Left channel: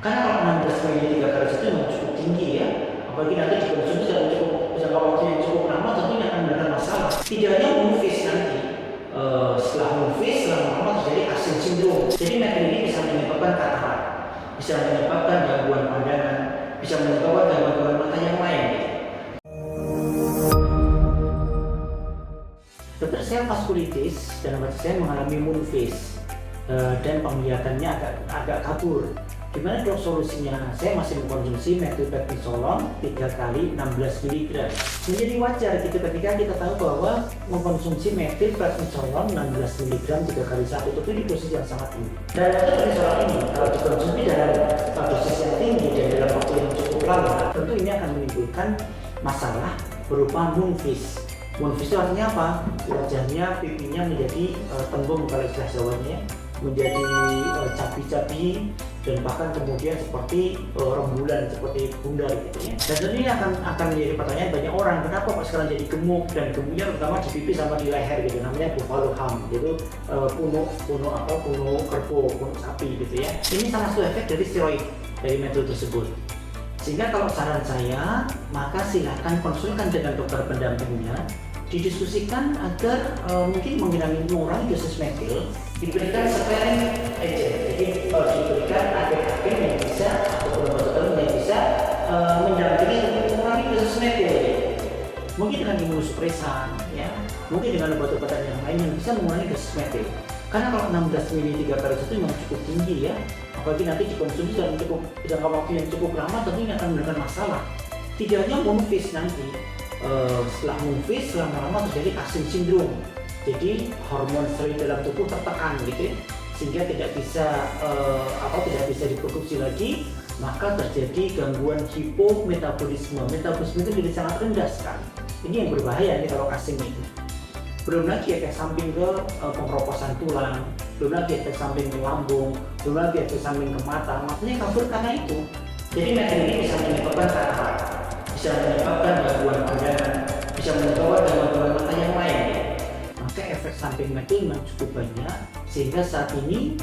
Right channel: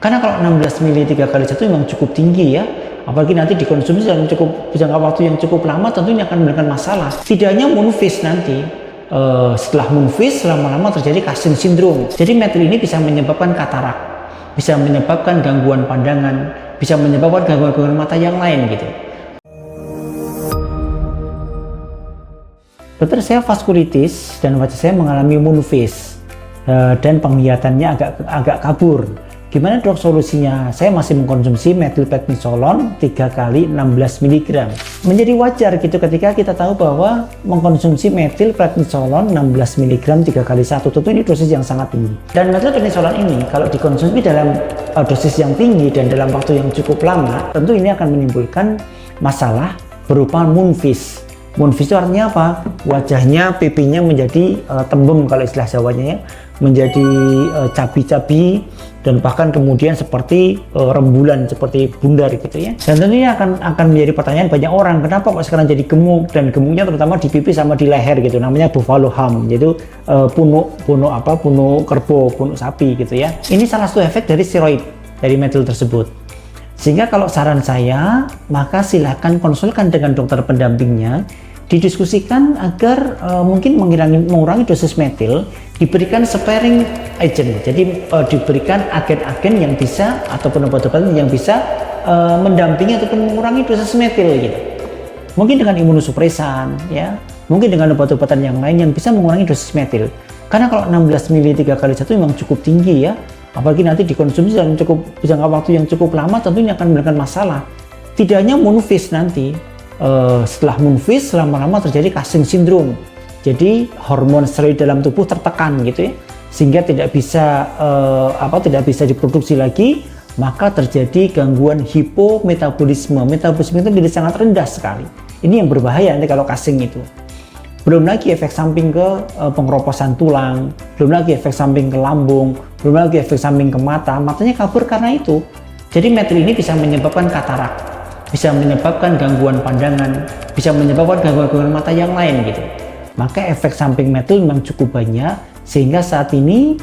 Karena kalau 16 mili 3 kali 1 memang cukup tinggi ya. Apalagi nanti dikonsumsi dalam jangka waktu yang cukup lama, tentunya akan memberikan masalah. Tidak hanya moon phase nanti, setelah moon phase lama-lama terjadi Cushing syndrome. Jadi metil ini bisa menyebabkan katarak, bisa menyebabkan gangguan pandangan, bisa menyebabkan gangguan mata yang lain gitu. Dokter, saya vaskulitis dan wajah saya mengalami moon phase dan penglihatannya agak kabur. Gimana dok solusinya? Saya masih mengkonsumsi metilprednisolon 3 kali 16 mg. Menjadi wajar gitu ketika kita tahu bahwa mengkonsumsi metilprednisolon 16 mg 3 kali 1, tentu ini dosis yang sangat tinggi. Dan metilprednisolon ini kalau dikonsumsi dalam dosis yang tinggi dan dalam waktu yang cukup lama, tentu ini akan menimbulkan masalah berupa moon phase. Moon phase itu artinya apa? Wajahnya, pipinya menjadi tembem kalau istilah Jawanya ya, menjadi cabi-cabi dan bahkan kemudian seperti rembulan, seperti bundar gitu ya. Dan tentunya akan menjadi pertanyaan banyak orang, kenapa kok sekarang jadi gemuk, dan gemuknya terutama di pipi sama di leher gitu, namanya buffalo hump, yaitu punuk kerbau, punuk sapi gitu ya. Ini salah satu efek dari steroid dari metil tersebut. Sehingga kalau saran saya, maka silakan konsulkan dengan dokter pendampingnya, didiskusikan agar mungkin mengurangi dosis metil, diberikan sparing agent, jadi diberikan agen-agen yang bisa ataupun obat-obatan yang bisa mendampingi ataupun mengurangi dosis metil gitu. Mungkin dengan imunosupresan ya, mungkin dengan obat-obatan yang lain yang bisa mengurangi dosis metil. Karena kalau 16 mili 3 kali 1 memang cukup tinggi ya, apalagi nanti dikonsumsi dalam jangka waktu yang cukup lama, tentunya akan memberikan masalah. Tidak hanya moon phase nanti, setelah moon phase lama-lama terjadi Cushing syndrome. Jadi hormon steroid dalam tubuh tertekan gitu ya, sehingga tidak bisa diproduksi lagi, maka terjadi gangguan hipometabolisme. Metabolisme itu menjadi sangat rendah sekali. Ini yang berbahaya nanti kalau Cushing itu. Belum lagi efek samping ke pengeroposan tulang, belum lagi efek samping ke lambung, belum lagi efek samping ke mata. Matanya kabur karena itu. Jadi metil ini bisa menyebabkan katarak, bisa menyebabkan gangguan pandangan, bisa menyebabkan gangguan mata yang lain gitu. Maka efek samping metil memang cukup banyak, sehingga saat ini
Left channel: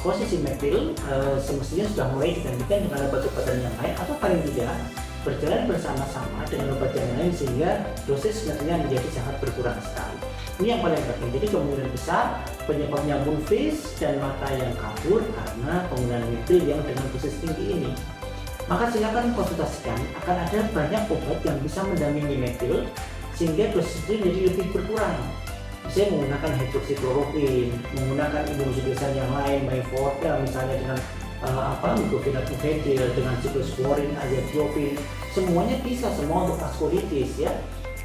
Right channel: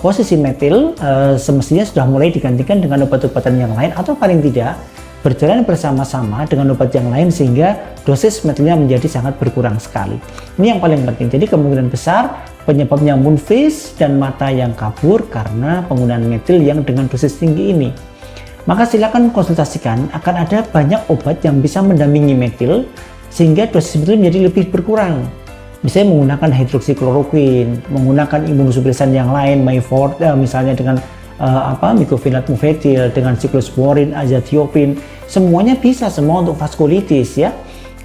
posisi metil semestinya sudah mulai digantikan dengan obat-obatan yang lain, atau paling tidak berjalan bersama-sama dengan obat yang lain, sehingga dosis metilnya menjadi sangat berkurang sekali. Ini yang paling penting. Jadi kemungkinan besar penyebabnya moon phase dan mata yang kabur karena penggunaan metil yang dengan dosis tinggi ini. Maka silakan konsultasikan, akan ada banyak obat yang bisa mendampingi metil sehingga dosis metil menjadi lebih berkurang. Misalnya menggunakan hidroksikloroquine, menggunakan imunosupresan yang lain, misalnya dengan mycophenolate mofetil, dengan cyclosporin, azathioprine, semuanya bisa semua untuk vaskulitis ya.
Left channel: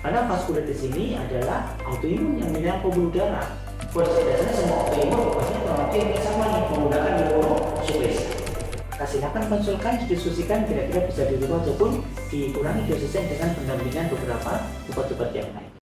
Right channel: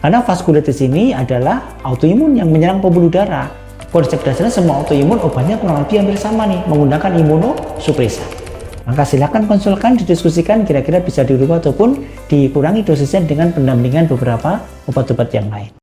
Karena vaskulitis ini adalah autoimun yang menyerang pembuluh darah. Konsep dasarnya semua autoimun obatnya kurang lebih hampir sama nih, menggunakan imunosupresan. Maka silakan konsulkan, didiskusikan kira-kira bisa dirubah ataupun dikurangi dosisnya dengan pendampingan beberapa obat-obat yang lain.